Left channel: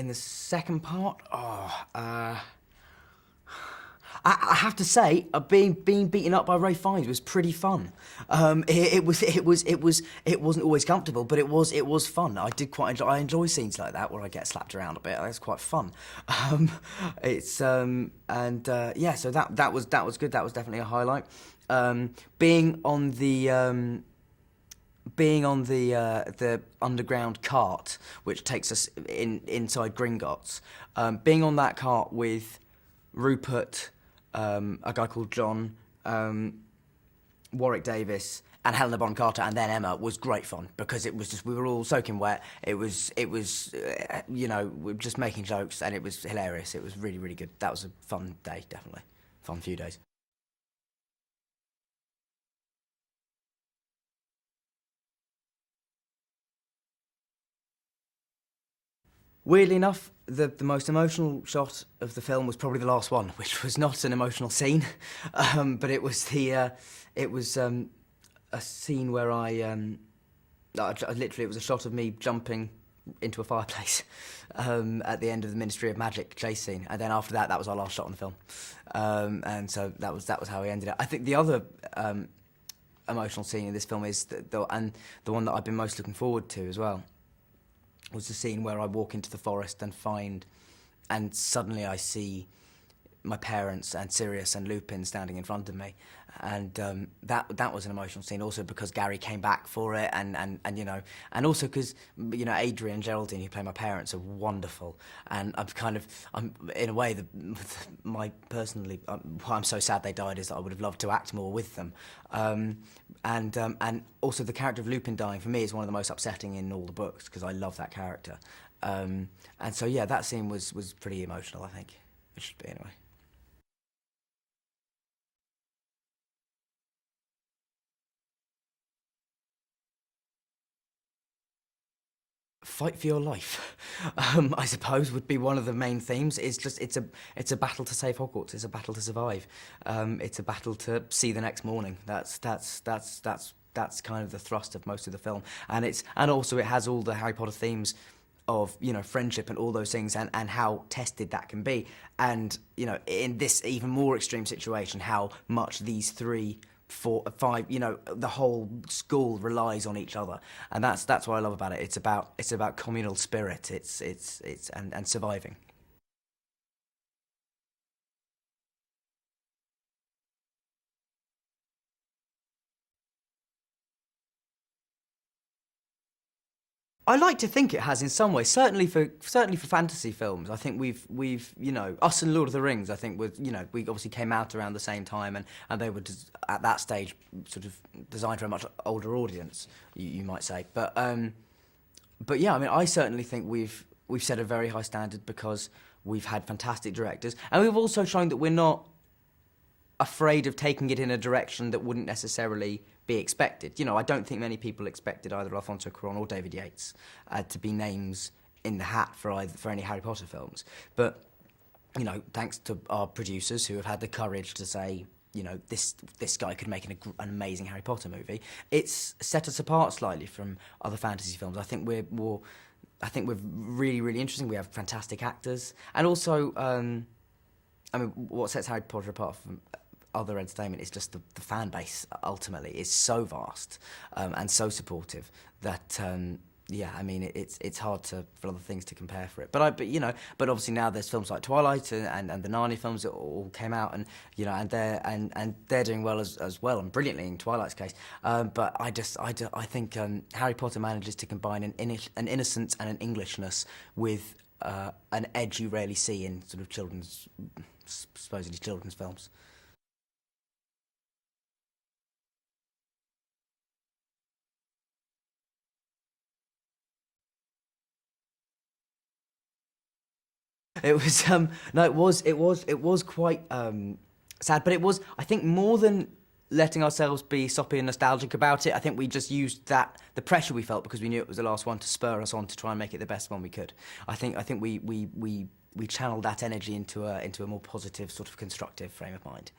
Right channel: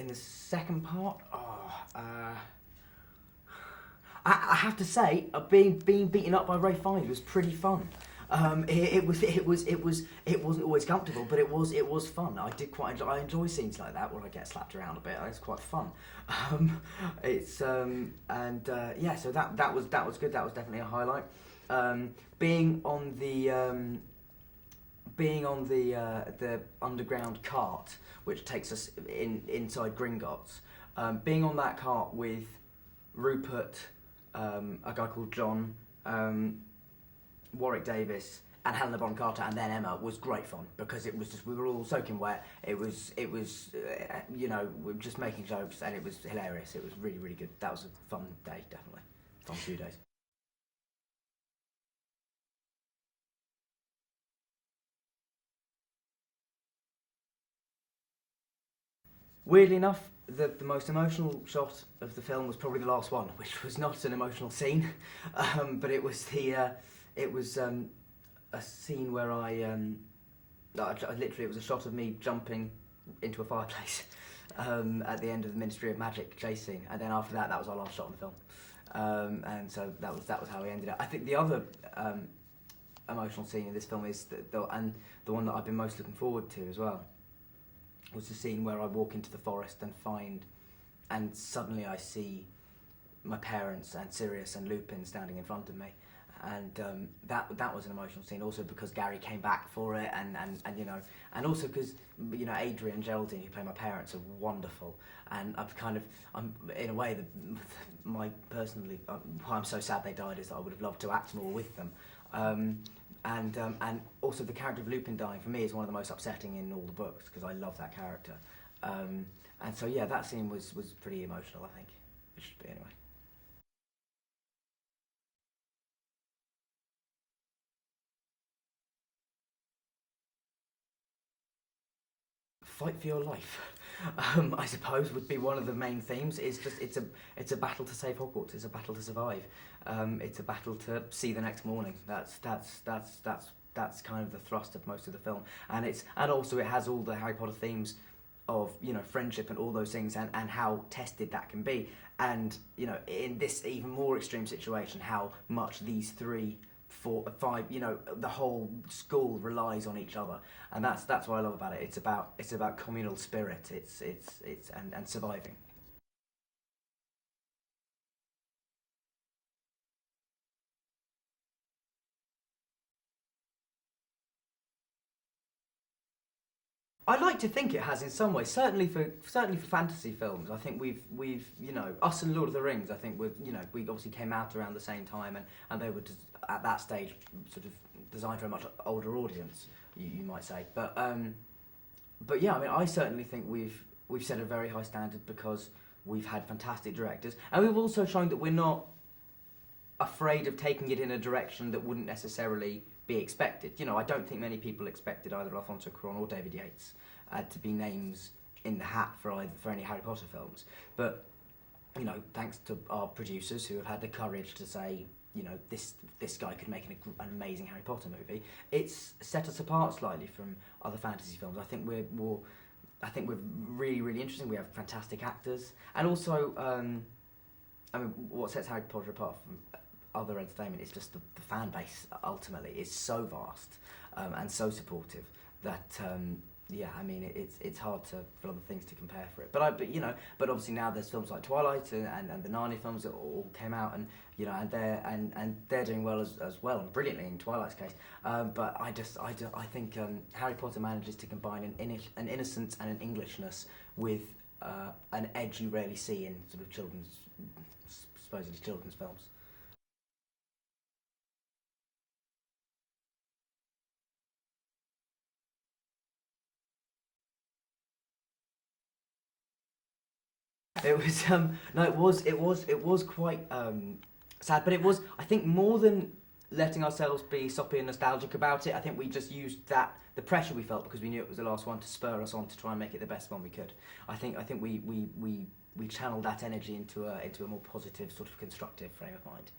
in the second part, I have to say, being beaten up by Ray Fiennes was pretty fun. It wasn't always comfortable, but it was fun. I did quite enjoy. I enjoy scenes like that where I get slapped around a bit. It's quite fun. Yeah. So that was good. That was definitely a highlight. Being on the underground cart, which takes us inside Gringotts, being on that cart with Rupert, a guy called John, Warwick Davis, and Helena Bonham Carter, and then Emma, was great fun because it was just, we were all soaking wet. It was we were just making jokes, and it was hilarious. It was really, really good. That was a fun day, definitely. Fun few days. Weirdly enough, the most emotional shot of the film was probably the last one, which was not an emotional scene, but it was a scene where I literally, it was a shot of me jumping into a fireplace at the end of the Ministry of Magic chase scene, and then after that, that was our last shot on the film, and so that was how we ended it. I think the other emotional scene in this film is the one that I've been most looking forward to as well, was the scene where I walk into the forest and suddenly I see my parents and Sirius and Lupin standing in front of me, and that was an emotional scene also because Gary came back for it, and also because Adrian and Geraldine, who play my parents, are wonderful, and I'm in a way why I'm so sad they died is that I would have loved to act more with them. And also the character of Lupin dying for me is one of the most upsetting in all the books because I love that character. And so yeah, that scene was pretty emotional, I think. It should be anyway. Fight for your life, I suppose, would be one of the main themes. It's a battle to save Hogwarts. It's a battle to survive. It's a battle to see the next morning. That's kind of the thrust of most of the film, and also it has all the Harry Potter themes of friendship and all those things, and how tested that can be, and in this even more extreme situation, how much these three, four, five, the whole school relies on each other, and that's what I love about it. It's about communal spirit. It's and surviving. I like to think it has in some ways. Certainly for fantasy films, I think we've us and Lord of the Rings. I think we obviously came out around the same time, and they were at that stage sort of designed for a much older audience, you might say. But yeah, I mean, I certainly think we've set a very high standard because we've had fantastic directors, and we've also shown that we're not afraid of taking it in a direction that wouldn't necessarily be expected. I don't think many people expected either Alfonso Cuarón or David Yates to be names in the hat for any Harry Potter films. But thanks to our producers who have had the courage to say, this guy could make an amazing Harry Potter movie, it's set us apart slightly from other fantasy films. I think we're really, really interesting. We have fantastic actors, and also, what sets Harry Potter apart from other entertainment is just the fan base. Ultimately, is so vast and so supportive that it's hard for other things to compare for it. But obviously now there's films like Twilight and the Narnia films that all came out, and they're doing well as well, and brilliantly in Twilight's case. But I think Harry Potter manages to combine an innocence and an Englishness with an edge you rarely see in sort of supposedly children's films. It was no, it was quite sad, but it was, I think, more than letting ourselves be soppy and nostalgic about it. I think we just used the pressure we felt because we knew it was the last one, to spur us on to try and make it the best one we could. I think we channeled that energy into a more positive, sort of constructive frame of mind.